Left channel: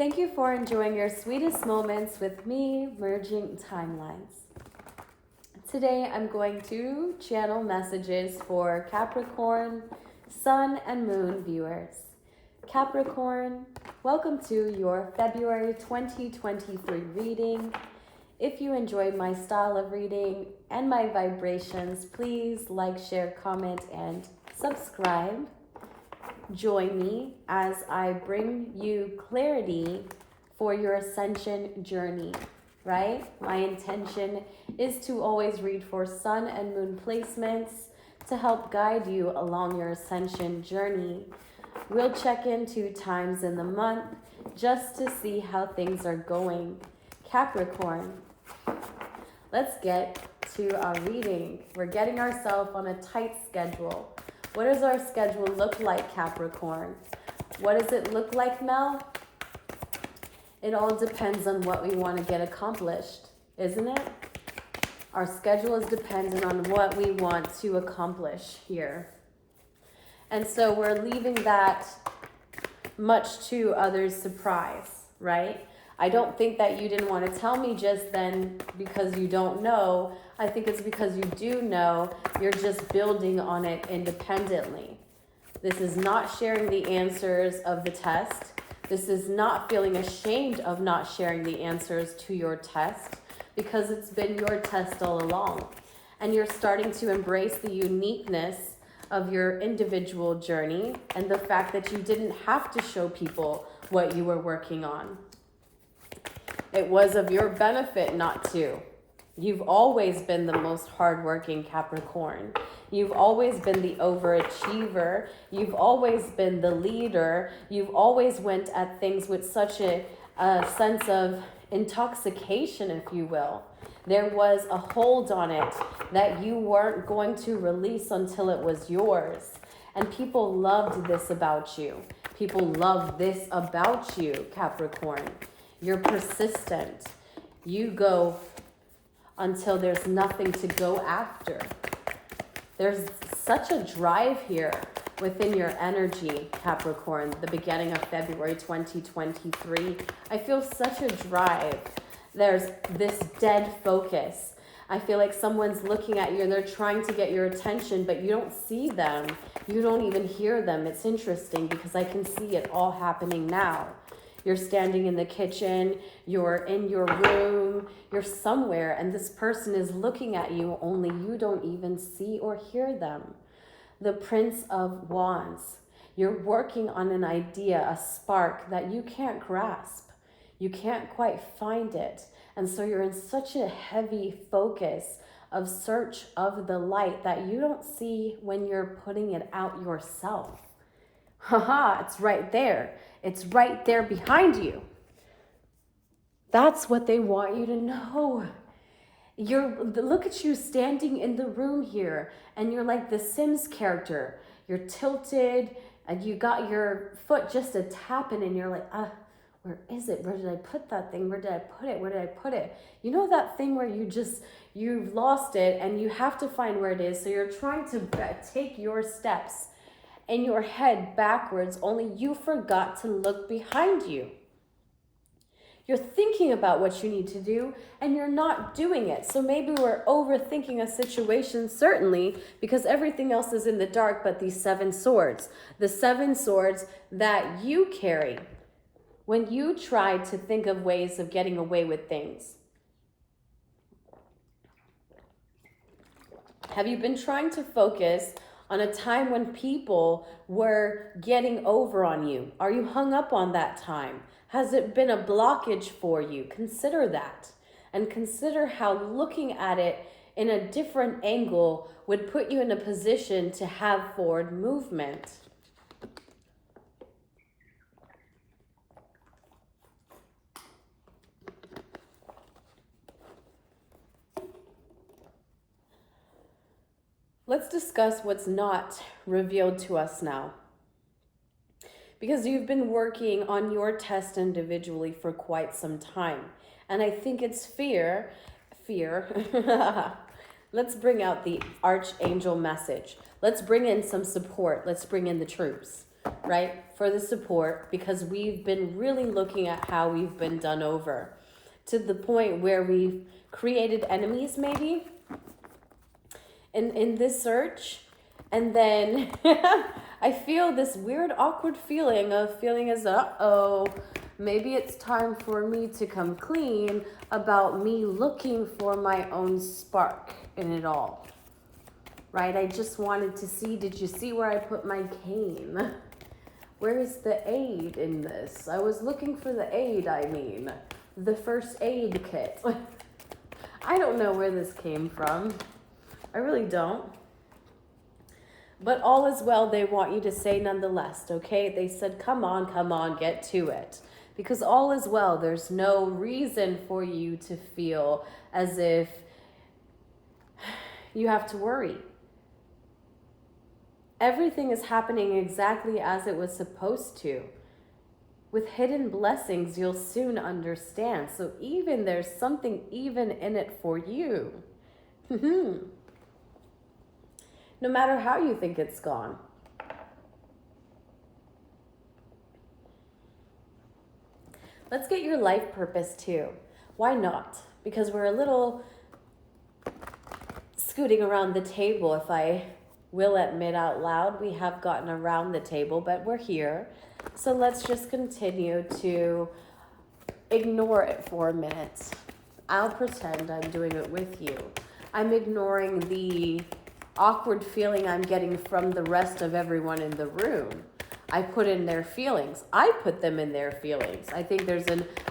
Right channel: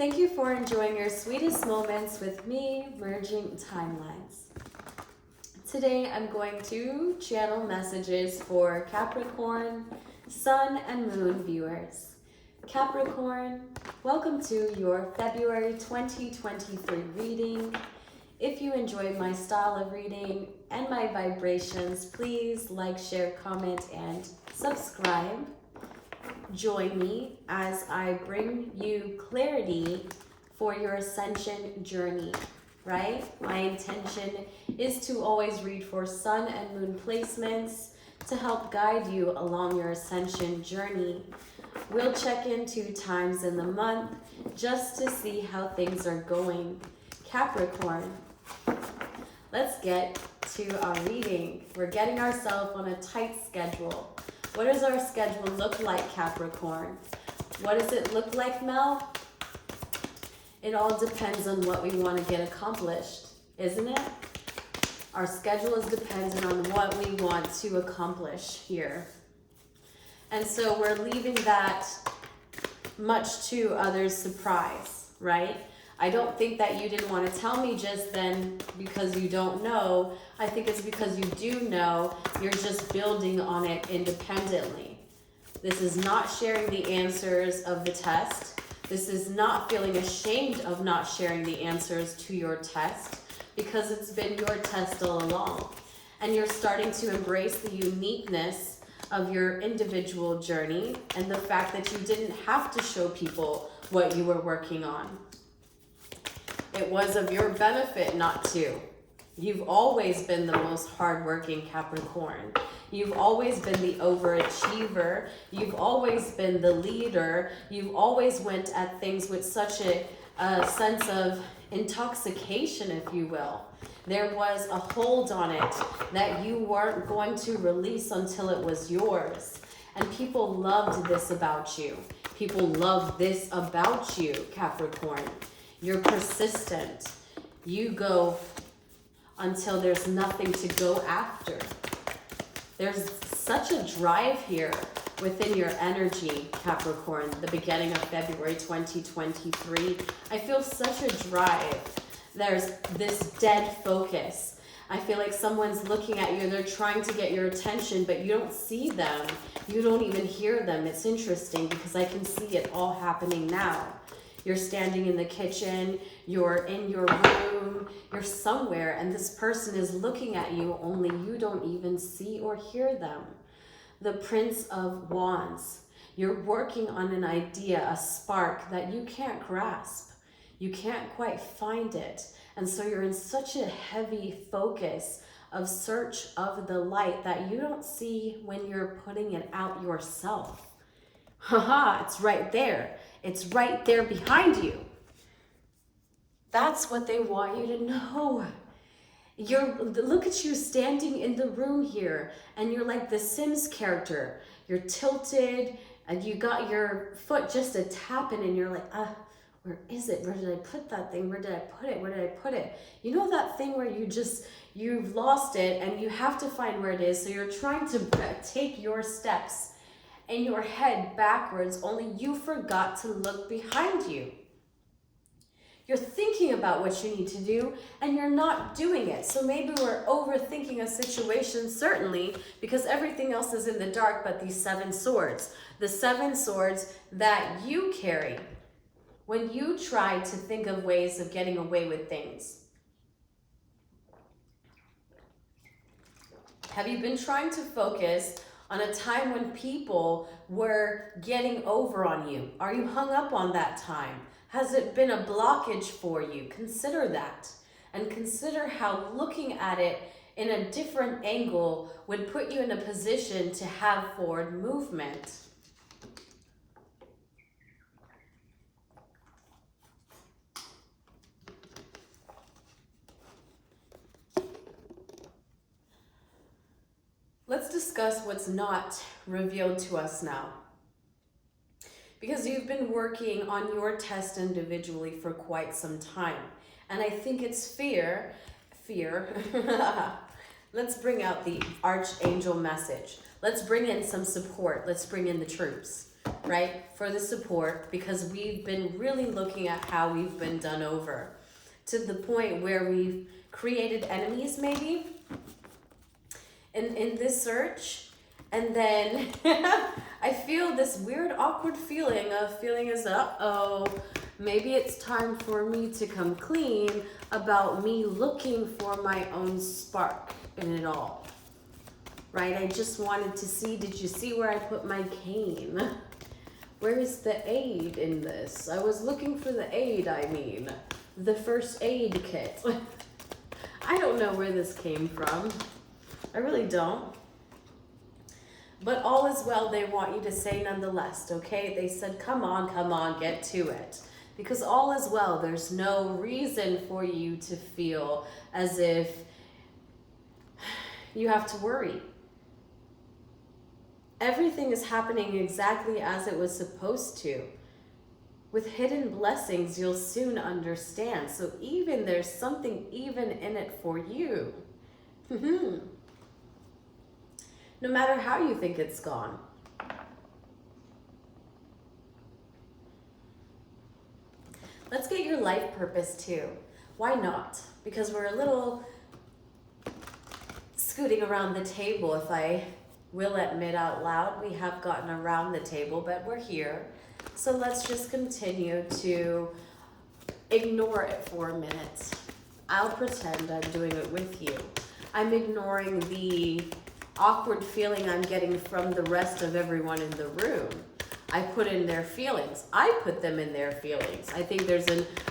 Thank you for enjoying your sweetest moments with me, merging timelines. Today I'm going to channel messages for Capricorn, Sun and Moon viewers. Capricorn, welcome to your February 2023 reading. If you enjoyed my style of reading and my vibrations, please like, share, comment, and subscribe. Join me as I bring you clarity for your ascension journey, right? My intention is to always read for Sun and Moon placements to help guide you along your ascension journey. We'll check in 2 times in the month just to see how things are going. Capricorn, let's get to our reading. We're getting ourselves on a tight schedule. What does our schedule look like, Capricorn? What does it look like, Mel? It all depends on what we want to get accomplished, isn't it? Our schedule is dependent on what we want to accomplish here. And so we're leaving that much to others' surprise, right? I don't think that you didn't want to tell me just then because you don't know. I think it's because you do know. You're just building on it independently. This is not sharing the answers of the test. This is not feeling ashamed of not sharing the answers to your test because it's been your test all along. And you're starting to embrace the uniqueness of your individual journey and the fact that you didn't have to show people what you were working on. It was of your benefit not to. You've always been the most hardworking Capricorn. You've always been the overachiever. You've always been the leader. You've always went at things with such a sense of intoxication, if you will. There was a hold on it that you weren't going to release until it was yours. And people loved this about you. People love this about you, Capricorn. You're persistent. You go until there's nothing to go after. There's such a drive here within your energy, Capricorn, the beginning of February 2023. I feel such a drive. There's this dead focus. I feel like someone's looking at you, they're trying to get your attention, but you don't see them. You don't even hear them. It's interesting because I can see it all happening now. You're standing in the kitchen, you're in your room, you're somewhere, and this person is looking at you, only you don't even see or hear them. The Prince of Wands. You're working on an idea, a spark that you can't grasp. You can't quite find it. And so you're in such a heavy focus of search of the light that you don't see when you're putting it out yourself. Haha, it's right there. It's right there behind you. That's what they want you to know. Look at you standing in the room here, and you're like the Sims character. You're tilted, and you got your foot just a tapping, and you're like, where is it? Where did I put that thing? Where did I put it? Where did I put it? You know that thing where you've lost it, and you have to find where it is, so you're trying to take your steps in your head backwards, only you forgot to look behind you. You're thinking about what you need to do and you're not doing it. So maybe we're overthinking a situation, certainly, because everything else is in the dark but these 7 swords. The 7 swords that you carry when you try to think of ways of getting away with things. Have you been trying to focus on a time when people were getting over on you? Are you hung up on that time? Has it been a blockage for you? Consider that. And consider how looking at it in a different angle would put you in a position to have forward movement. Let's discuss what's not revealed to us now. Because you've been working on your test individually for quite some time. And I think it's fear. Let's bring out the archangel message. Let's bring in some support. Let's bring in the troops. right? For the support, because we've been really looking at how we've been done over to the point where we've created enemies maybe in this search. And then I feel this weird, awkward feeling as, uh-oh, maybe it's time for me to come clean about me looking for my own spark in it all, right? I just wanted to see, did you see where I put my cane? Where is the aid in this? I was looking for the aid, the first aid kit. I don't know where this came from. I really don't. But all is well, they want you to say nonetheless, okay? They said, come on, get to it. Because all is well, there's no reason for you to feel as if you have to worry. Everything is happening exactly as it was supposed to. With hidden blessings, you'll soon understand. So even there's something even in it for you. No matter how you think it's gone. Let's get your life purpose too. Why not? Because we're a little scooting around the table, if I will admit out loud. We have gotten around the table, but we're here. So let's just continue to ignore it for a minute. I'll pretend I'm doing it with you. I'm ignoring the awkward feeling I'm getting from the rest of everyone in the room. I put in their feelings. I put them in their feelings. I think there's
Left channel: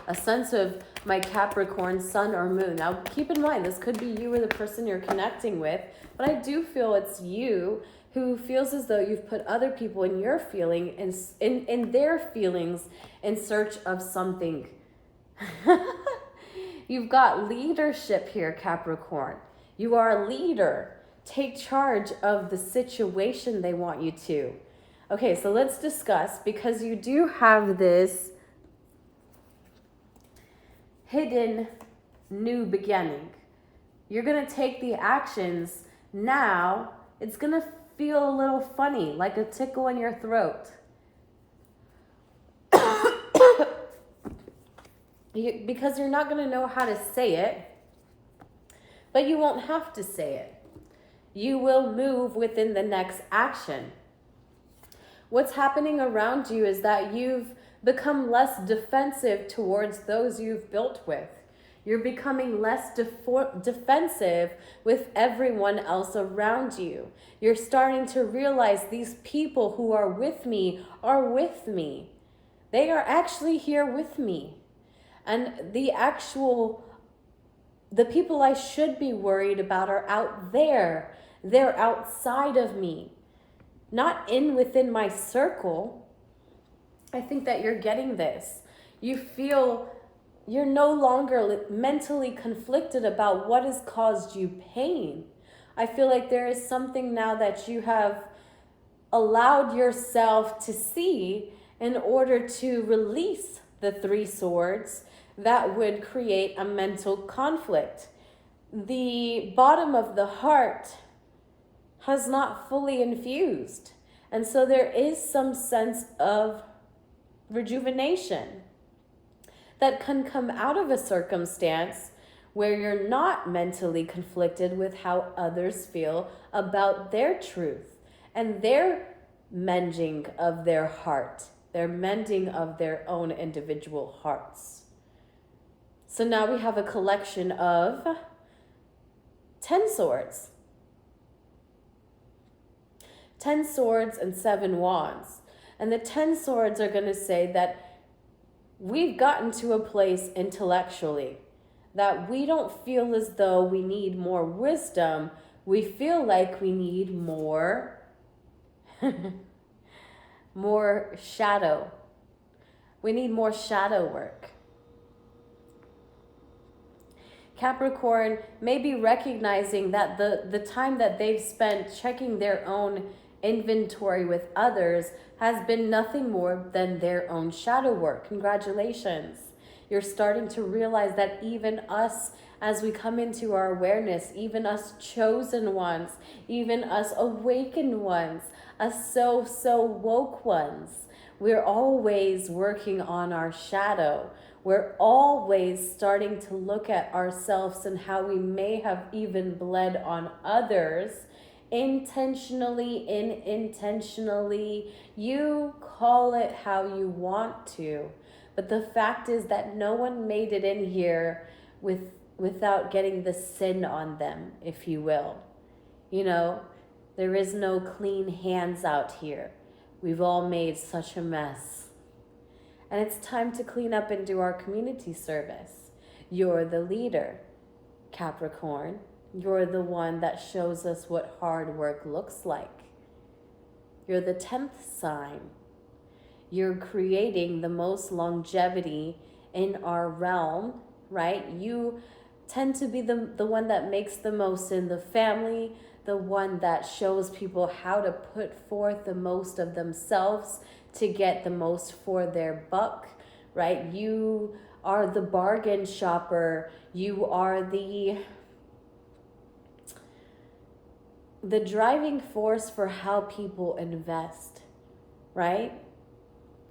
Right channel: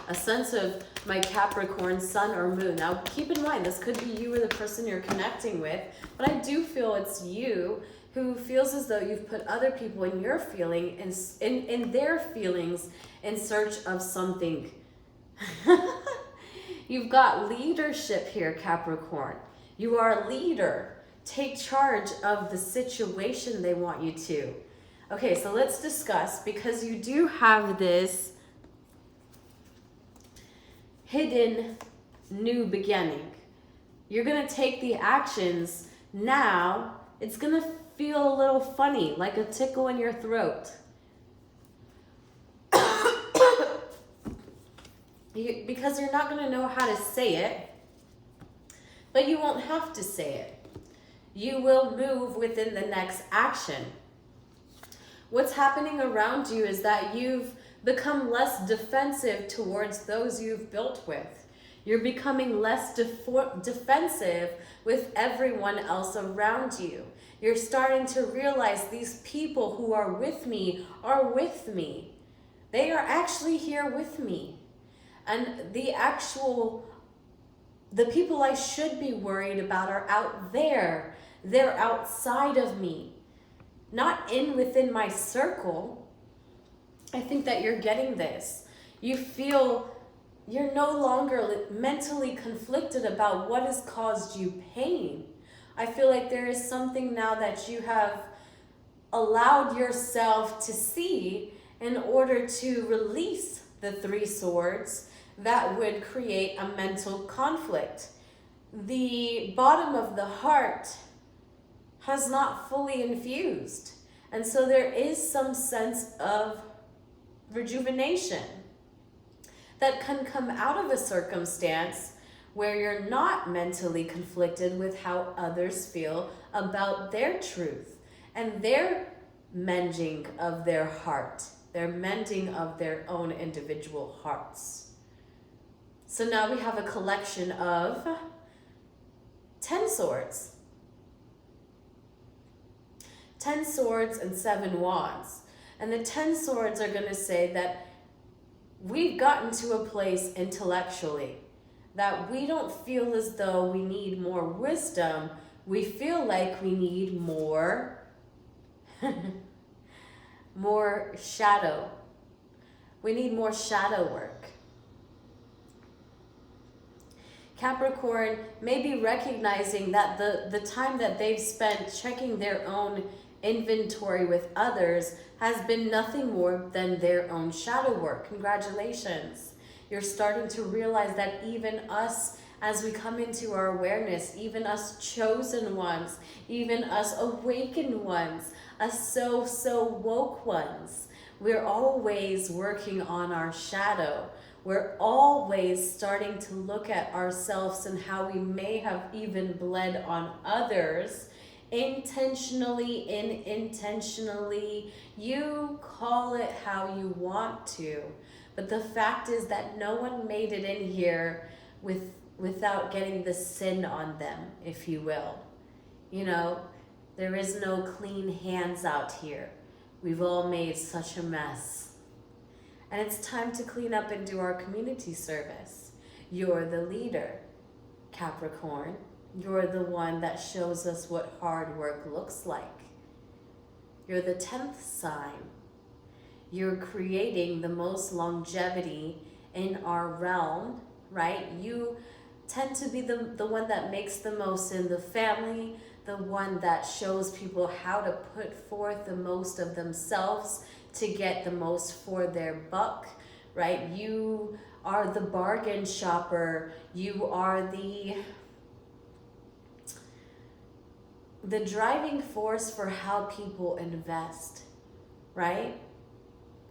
a sense of my Capricorn sun or moon. Now, keep in mind, this could be you or the person you're connecting with, but I do feel it's you who feels as though you've put other people in your feeling, in their feelings in search of something. You've got leadership here, Capricorn. You are a leader. Take charge of the situation they want you to. Okay, so let's discuss, because you do have this hidden new beginning. You're going to take the actions now. It's going to feel a little funny, like a tickle in your throat. Because you're not going to know how to say it, but you won't have to say it. You will move within the next action. What's happening around you is that you've become less defensive towards those you've built with. You're becoming less defensive with everyone else around you. You're starting to realize these people who are with me are with me. They are actually here with me. And the people I should be worried about are out there. They're outside of me. Not within my circle. I think that you're getting this. You feel you're no longer mentally conflicted about what has caused you pain. I feel like there is something now that you have allowed yourself to see in order to release the 3 swords that would create a mental conflict. The bottom of the heart has not fully infused. And so there is some sense of rejuvenation that can come out of a circumstance where you're not mentally conflicted with how others feel about their truth and their mending of their heart, their mending of their own individual hearts. So now we have a collection of 10 swords. 10 swords and 7 wands. And the 10 swords are going to say that we've gotten to a place intellectually that we don't feel as though we need more wisdom. We feel like we need more, more shadow. We need more shadow work. Capricorn may be recognizing that the time that they've spent checking their own inventory with others has been nothing more than their own shadow work. Congratulations. You're starting to realize that even us, as we come into our awareness, even us chosen ones, even us awakened ones, us so woke ones, We're always working on our shadow. We're always starting to look at ourselves and how we may have even bled on others, intentionally, unintentionally. You call it how you want to. But the fact is that no one made it in here without getting the sin on them, if you will. You know, there is no clean hands out here. We've all made such a mess. And it's time to clean up and do our community service. You're the leader, Capricorn. You're the one that shows us what hard work looks like. You're the 10th sign. You're creating the most longevity in our realm, right? You tend to be the one that makes the most in the family, the one that shows people how to put forth the most of themselves to get the most for their buck, right? You are the bargain shopper. You are the driving force for how people invest, right?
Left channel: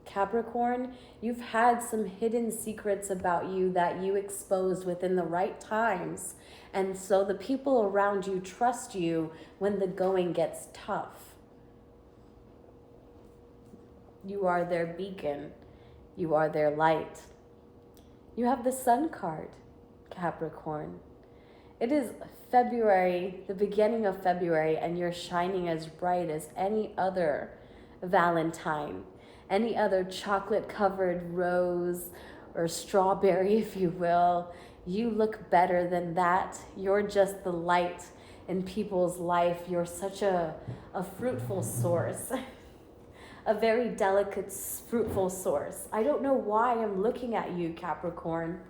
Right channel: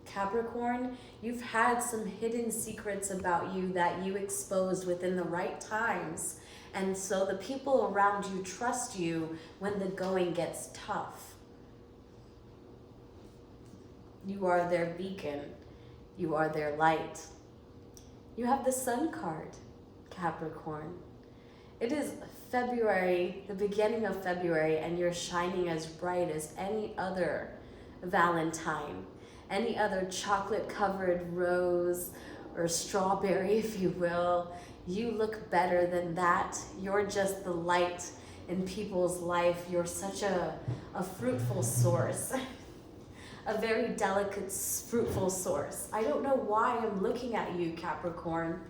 Capricorn, you've had some hidden secrets about you that you exposed within the right times. And so the people around you trust you when the going gets tough. You are their beacon. You are their light. You have the Sun card, Capricorn. It is February, the beginning of February, and you're shining as bright as any other Valentine, any other chocolate-covered rose or strawberry, if you will. You look better than that. You're just the light in people's life. You're such a fruitful source, a very delicate, fruitful source. I don't know why I'm looking at you, Capricorn.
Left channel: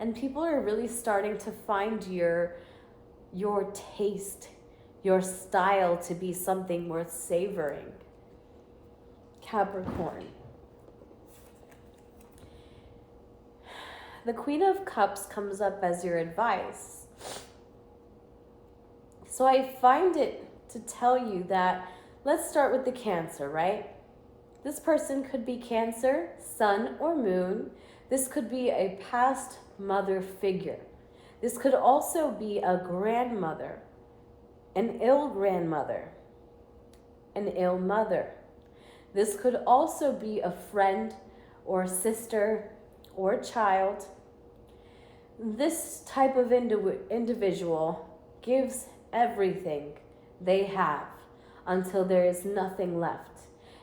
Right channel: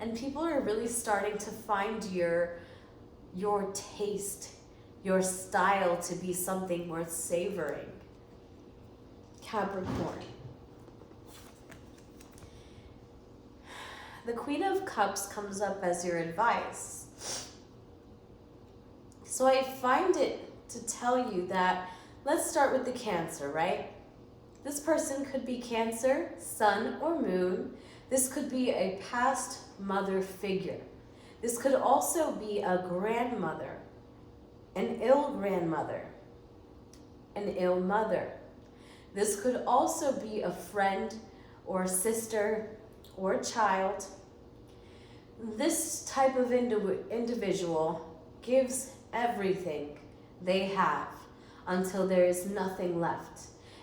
And people are really starting to find your taste, your style to be something worth savoring. Capricorn. The Queen of Cups comes up as your advice. So I find it to tell you that, let's start with the Cancer, right? This person could be Cancer, Sun, or Moon. This could be a past mother figure. This could also be a grandmother, an ill grandmother, an ill mother. This could also be a friend or sister or child. This type of individual gives everything they have until there is nothing left.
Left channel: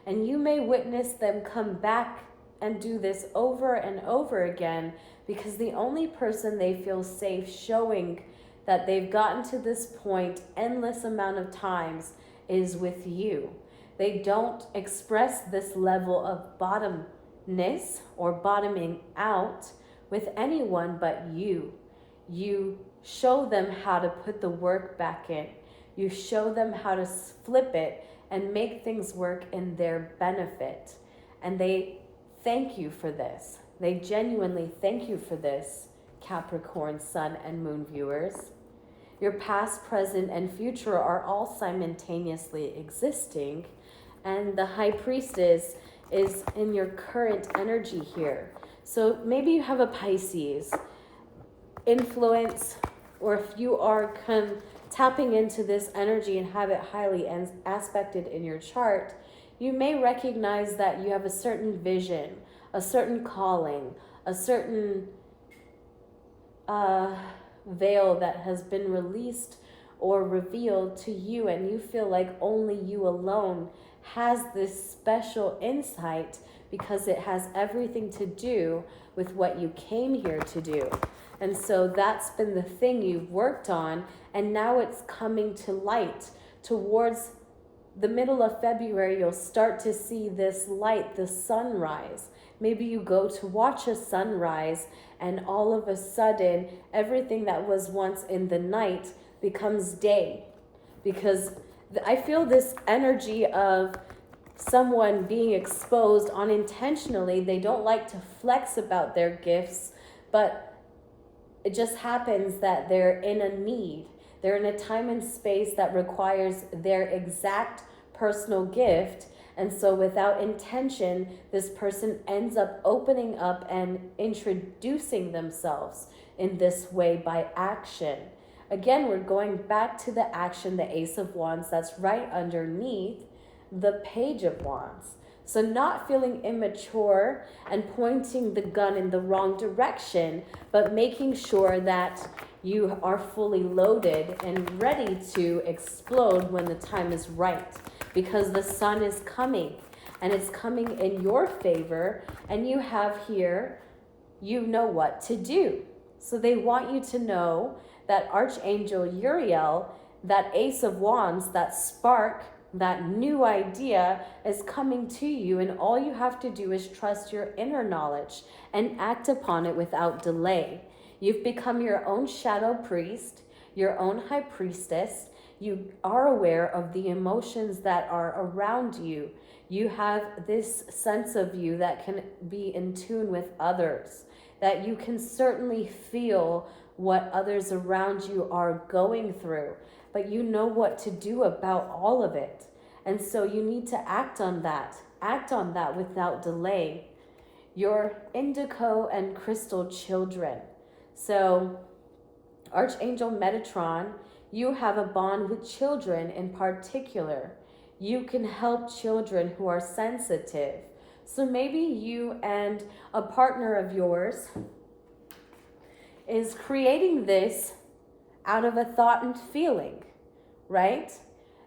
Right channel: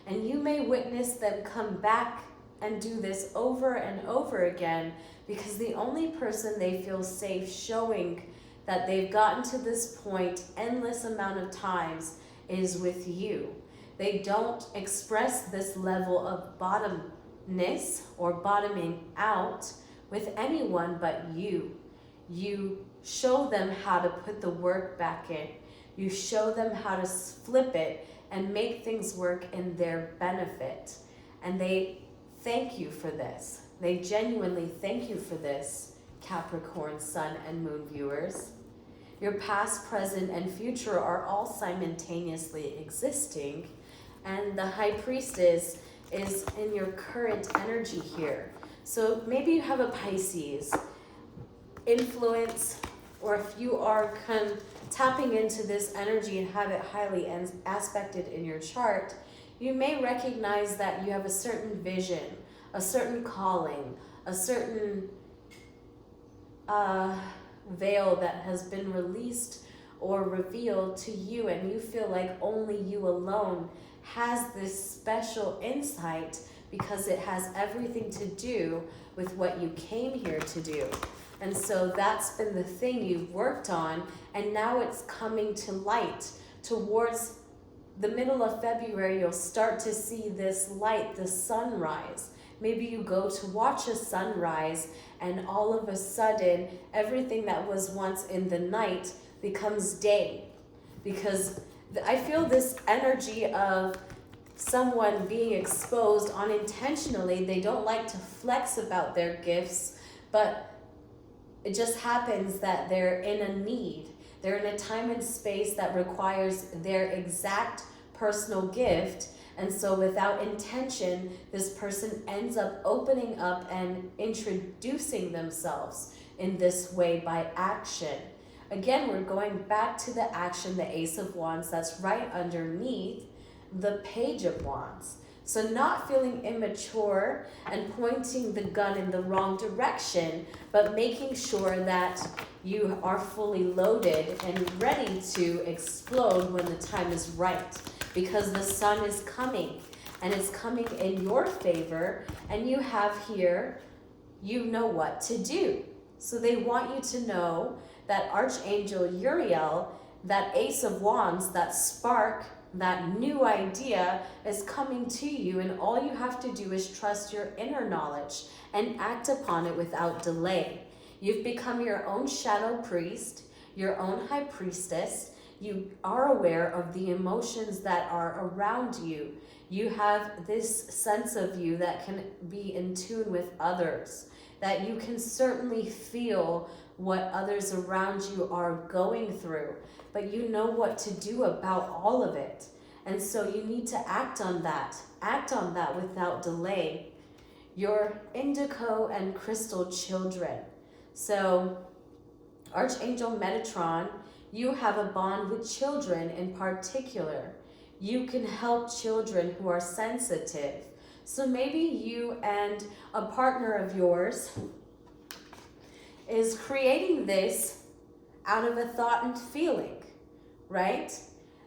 And you may witness them come back and do this over and over again, because the only person they feel safe showing that they've gotten to this point endless amount of times is with you. They don't express this level of bottomness or bottoming out with anyone but you. You show them how to put the work back in. You show them how to flip it and make things work in their benefit. And they thank you for this. They genuinely thank you for this, Capricorn, Sun, and Moon viewers. Your past, present, and future are all simultaneously existing, and the High Priestess is in your current energy here. So maybe you have a Pisces influence, or if you are tapping into this energy and have it highly aspected in your chart, you may recognize that you have a certain vision, a certain calling, a certain veil that has been released or revealed to you, and you feel like only you alone has this special insight because it has everything to do with what you came here to do. And so that's been the thing you've worked on, and now it's coming to light. Towards the middle of February, you'll start to see this light, the sunrise. Maybe you go to watch a sunrise, and all of a sudden, everything that was once in the night becomes day. Because I feel this energy of someone being exposed unintentionally. They don't like to flex about their gifts, but it just happens that they're in a need. They're in a time and space that requires their exact personal gift, And so without intention, this person ends up opening up and introducing themselves in this way by action. Again, we're going back to the action, the Ace of Wands, that's right underneath the Page of Wands. So not feeling immature and pointing the gun in the wrong direction, but making sure that you are fully loaded and ready to explode when the time is right. Because the sun is coming, and it's coming in your favor, and you have here, you know what to do. So they want you to know that Archangel Uriel, that Ace of Wands, that spark, that new idea is coming to you, and all you have to do is trust your inner knowledge and act upon it without delay. You've become your own shadow priest, your own high priestess. You are aware of the emotions that are around you. You have this sense of you that can be in tune with others, that you can certainly feel what others around you are going through, but you know what to do about all of it. And so you need to act on that without delay. Your indigo and crystal children. So Archangel Metatron, you have a bond with children in particular. You can help children who are sensitive. So maybe you and a partner of yours is creating this out of a thought and feeling, right?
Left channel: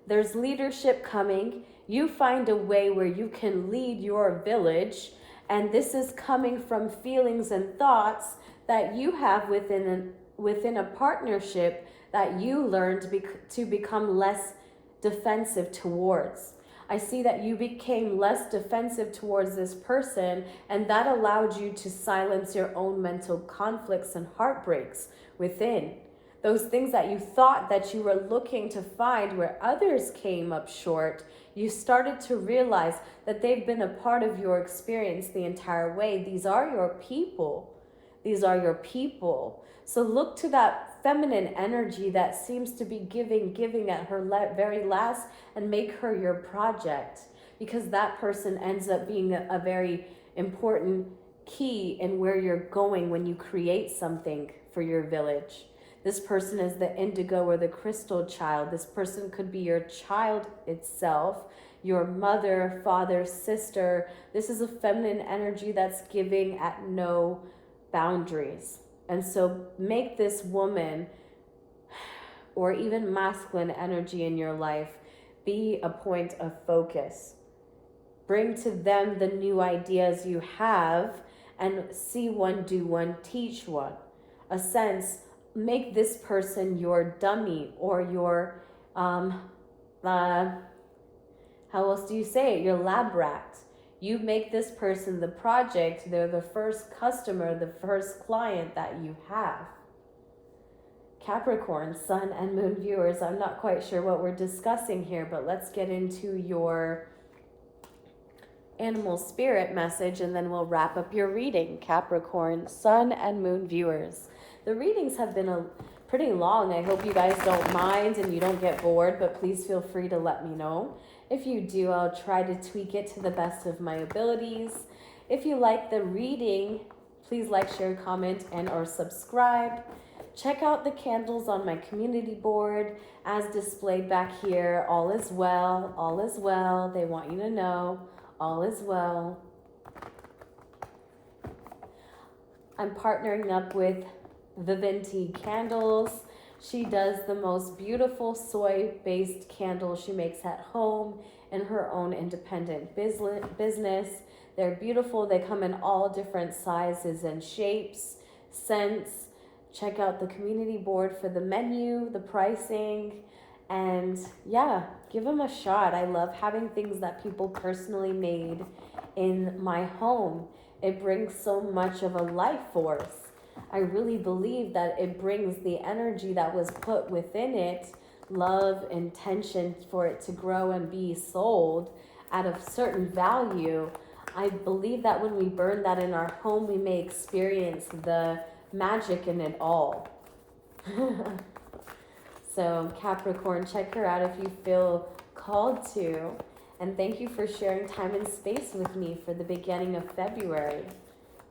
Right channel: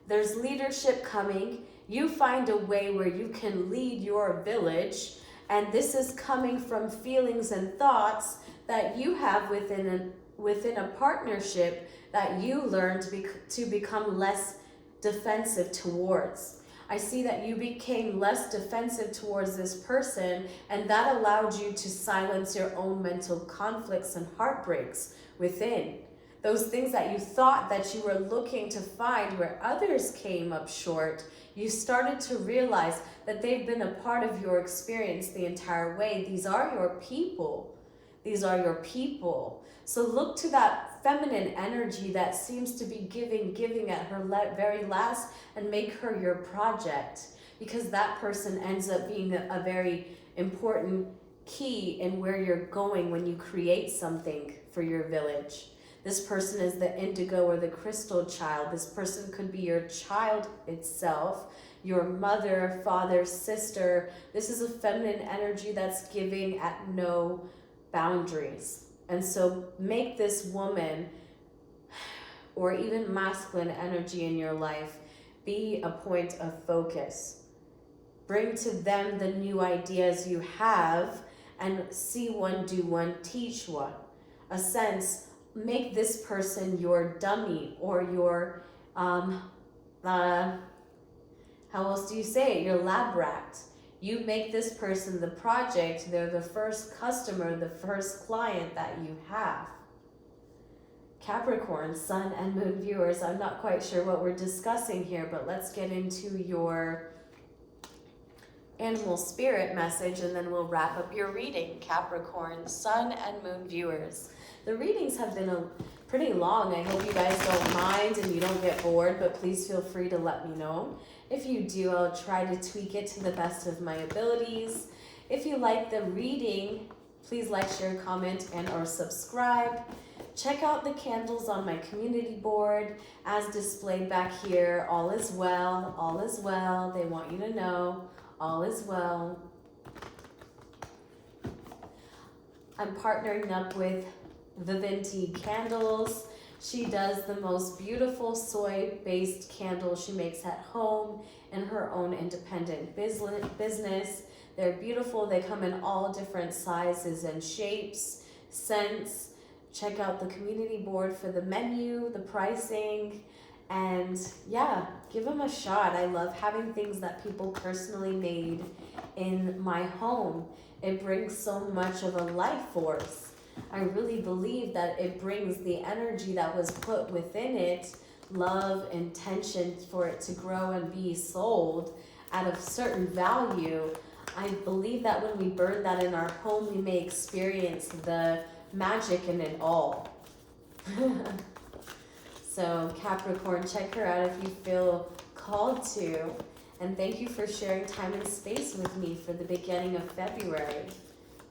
There's leadership coming. You find a way where you can lead your village, and this is coming from feelings and thoughts that you have within a partnership that you learned to become less defensive towards. I see that you became less defensive towards this person, and that allowed you to silence your own mental conflicts and heartbreaks within. Those things that you thought that you were looking to find where others came up short, you started to realize that they've been a part of your experience the entire way. These are your people. These are your people. So look to that feminine energy that seems to be giving at her very last, and make her your project, because that person ends up being a very important key in where you're going when you create something for your village. This person is the indigo or the crystal child. This person could be your child itself, your mother, father, sister. This is a feminine energy that's giving at no boundaries. And so make this woman or even masculine energy in your life be a point of focus. Bring to them the new ideas you have, and see one, do one, teach one. A sense, make this person your dummy or your, how else do you say it? Your lab rat. You make this person the project. They're the first customer, the first client that you have. Capricorn, Sun and Moon viewers, I'm not quite sure what we're discussing here, but let's get into your animal spirit message, and then we'll wrap up your reading. Capricorn, Sun and Moon viewers. The readings have been pretty long. I hope you guys don't mind and you don't get bored, but please feel free to let me know. If you do, I'll try to tweak it to the best of my abilities. If you like the reading, please like, share, comment, and or subscribe. Check out the candles on my community board as displayed back here. All is well, all is well. They want you to know all is well. I'm partnering up with Vivinti Candles. She does the most beautiful soy-based candles she makes at home in her own independent business. They're beautiful. They come in all different sizes and shapes, scents. Check out the community board for the menu, the pricing, and yeah, give them a shot. I love having things that people personally made in my home. It brings so much of a life force. I really believe that it brings the energy that was put within it, love, intention for it to grow and be sold at a certain value. I believe that when we burn that in our home, we may experience the magic in it all. So Capricorn, check her out if you feel called to. And thank you for sharing time and space with me for the beginning of February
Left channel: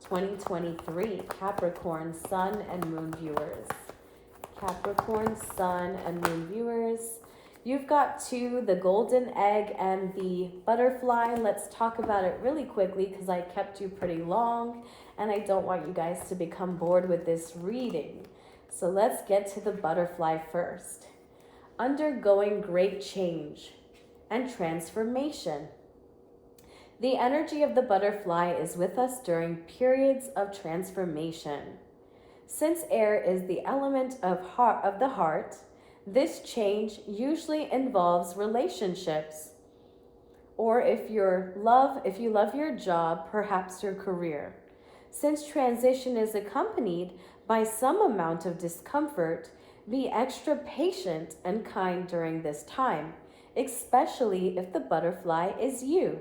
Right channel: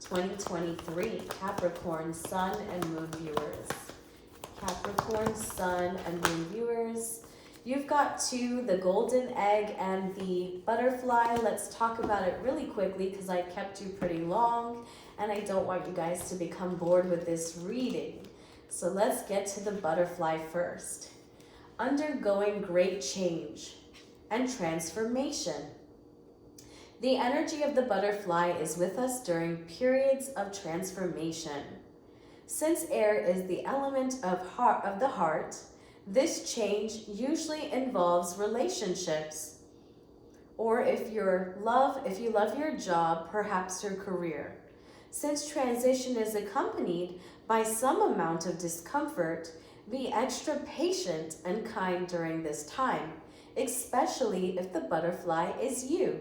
2023, Capricorn, Sun, and Moon viewers. Capricorn, Sun, and Moon viewers. You've got two, the golden egg and the butterfly. Let's talk about it really quickly because I kept you pretty long and I don't want you guys to become bored with this reading. So let's get to the butterfly first. Undergoing great change and transformation. The energy of the butterfly is with us during periods of transformation. Since air is the element of the heart, this change usually involves relationships, or if you love your job, perhaps your career. Since transition is accompanied by some amount of discomfort, be extra patient and kind during this time, especially if the butterfly is you.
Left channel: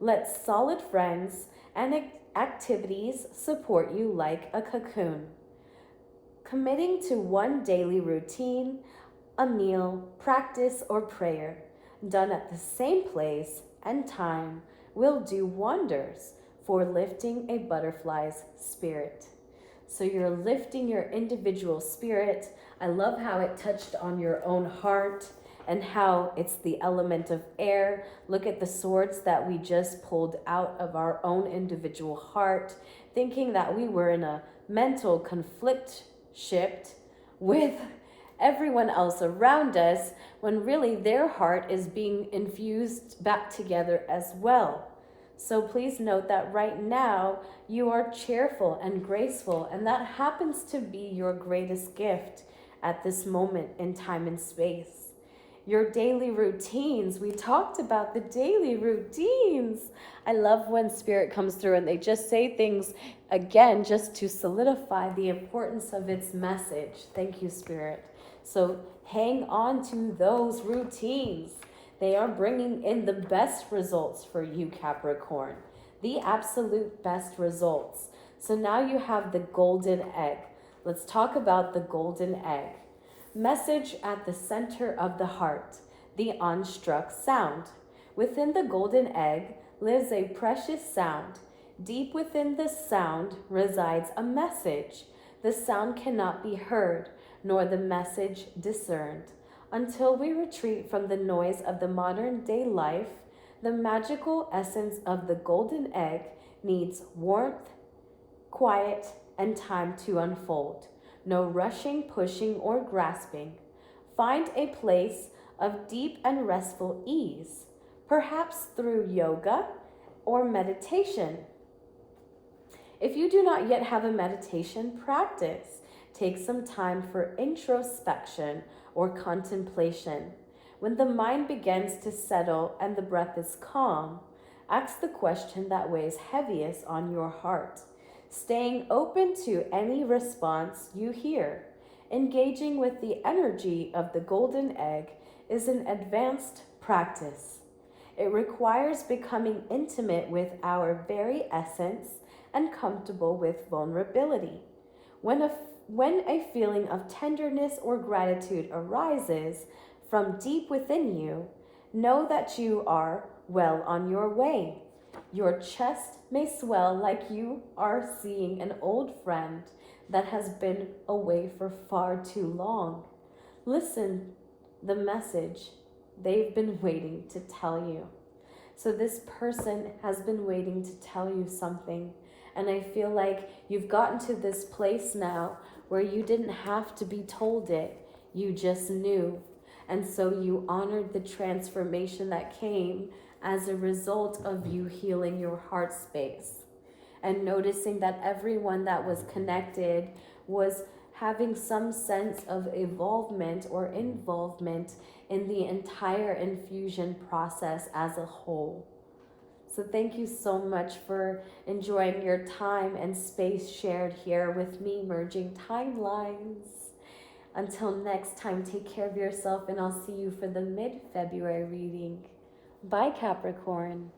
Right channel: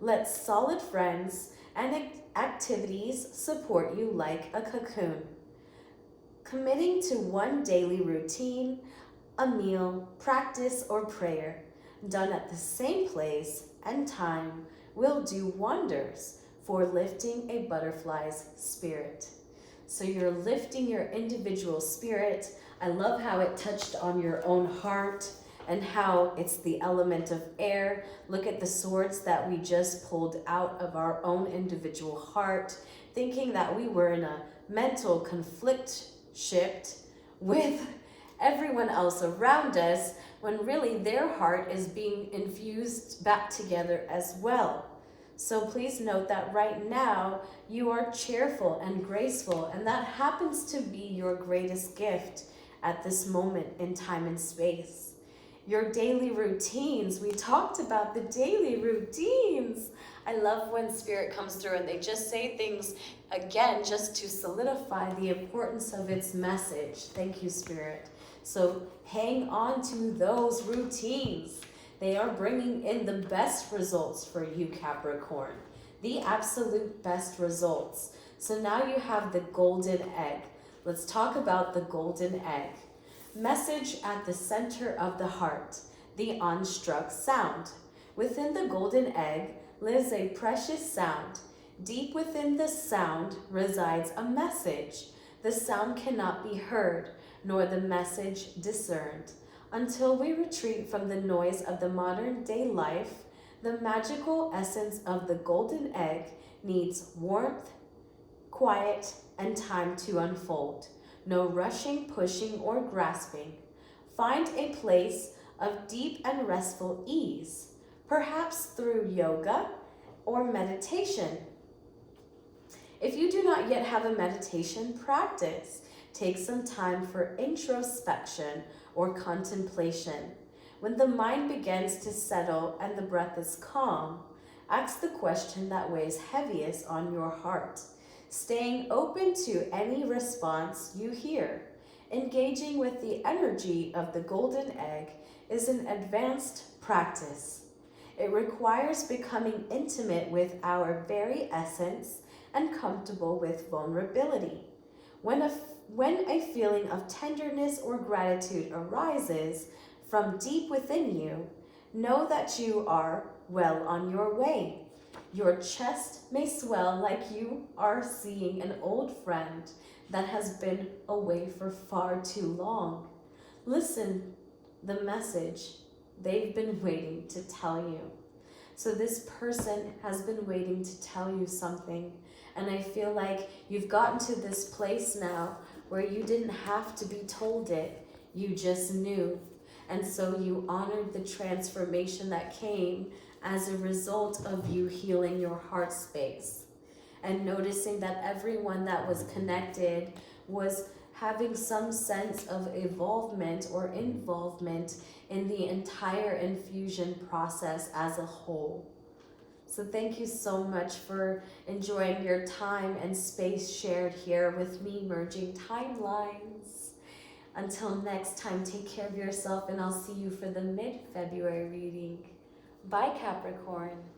Let solid friends and activities support you like a cocoon. Committing to one daily routine, a meal, practice, or prayer done at the same place and time will do wonders for lifting a butterfly's spirit. So you're lifting your individual spirit. I love how it touched on your own heart and how it's the element of air. Look at the swords that we just pulled out of our own individual heart, thinking that we were in a mental conflict shift with everyone else around us, when really their heart is being infused back together as well. So please note that right now you are cheerful and graceful, and that happens to be your greatest gift at this moment in time and space. Your daily routines, we talked about the daily routines. I love when Spirit comes through and they just say things again just to solidify the importance of its message. Thank you, Spirit. So hang on to those routines. They are bringing in the best results for you, Capricorn. The absolute best results. So now you have the golden egg. Let's talk about the golden egg. Message at the center of the heart, the unstruck sound. Within the golden egg lives a precious sound. Deep within this sound resides a message. The sound cannot be heard, nor the message discerned. Until we retreat from the noise of the modern day life, the magical essence of the golden egg needs warmth, quiet, and time to unfold. No rushing, pushing, or grasping. Find a place of deep and restful ease, perhaps through yoga or meditation. If you do not yet have a meditation practice, take some time for introspection or contemplation. When the mind begins to settle and the breath is calm, ask the question that weighs heaviest on your heart, staying open to any response you hear. Engaging with the energy of the golden egg is an advanced practice. It requires becoming intimate with our very essence and comfortable with vulnerability. When a feeling of tenderness or gratitude arises from deep within you, know that you are well on your way. Your chest may swell like you are seeing an old friend that has been away for far too long. Listen, the message they've been waiting to tell you. So this person has been waiting to tell you something, and I feel like you've gotten to this place now where you didn't have to be told it, you just knew. And so you honored the transformation that came as a result of you healing your heart space and noticing that everyone that was connected was having some sense of evolvement or involvement in the entire infusion process as a whole. So thank you so much for enjoying your time and space shared here with me, merging timelines. Until next time, take care of yourself, and I'll see you for the mid-February reading. Bye, Capricorn.